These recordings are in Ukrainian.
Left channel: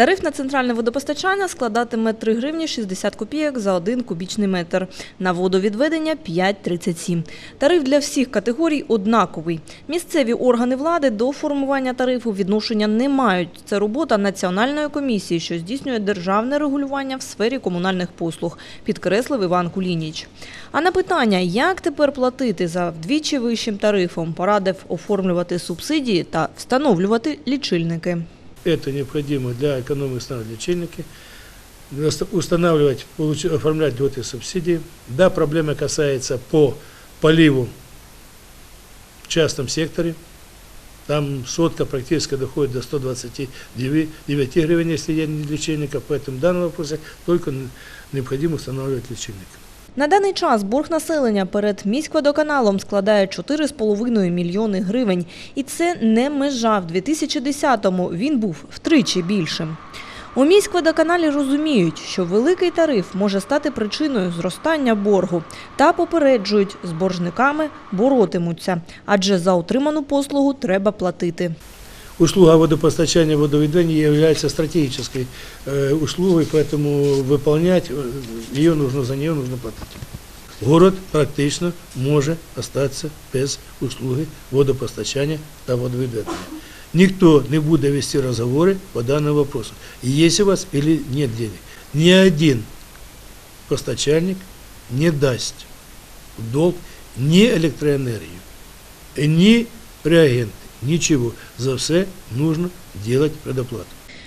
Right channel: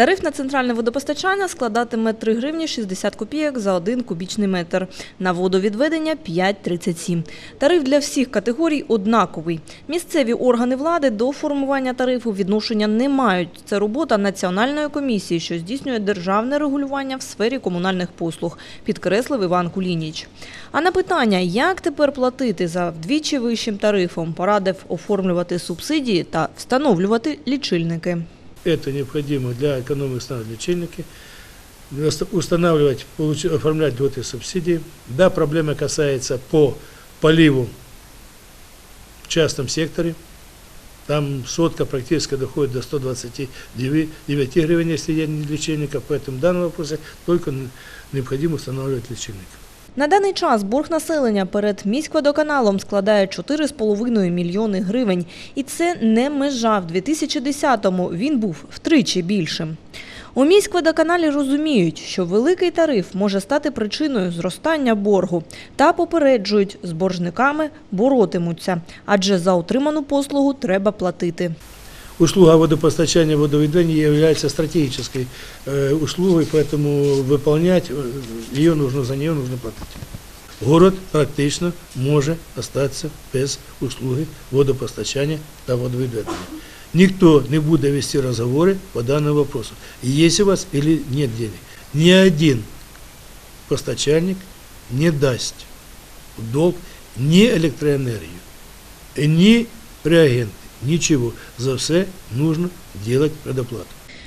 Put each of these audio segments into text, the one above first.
Тариф на центральне водопостачання складатиме 3 гривні 60 копійок за 1 кубічний метр. На водовідведення 5,37. Тариф для всіх категорій однаковий. Місцеві органи влади до формування тарифу відношення не мають. Це робота Національної комісії, що здійснює державне регулювання в сфері комунальних послуг, підкреслив Іван Кулініч. А на питання, як тепер платити за вдвічі вищим тарифом, порадив оформлювати субсидії та встановлювати лічильники. На даний час борг населення перед міськводоканалом складає 4,5 мільйони гривень. І це не межа. В 2010-му він був втричі більшим. У міськводоканалі розуміють, що великий тариф може стати причиною зростання боргу та попереджують, з боржниками боротимуться, адже за отриману послугу треба платити.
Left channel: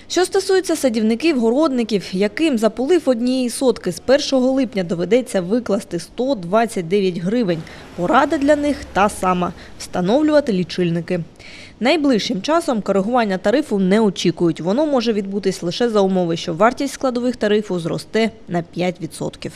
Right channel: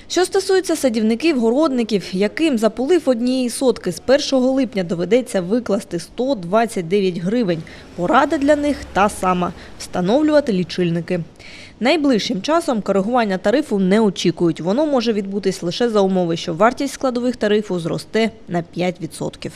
Що стосується садівників, городників, яким за полив однієї сотки з 1 липня доведеться викласти 129 гривень, порада для них та сама – встановлювати лічильники. Найближчим часом коригування тарифу не очікують. Воно може відбутись лише за умови, що вартість складових тарифу зросте на 5%.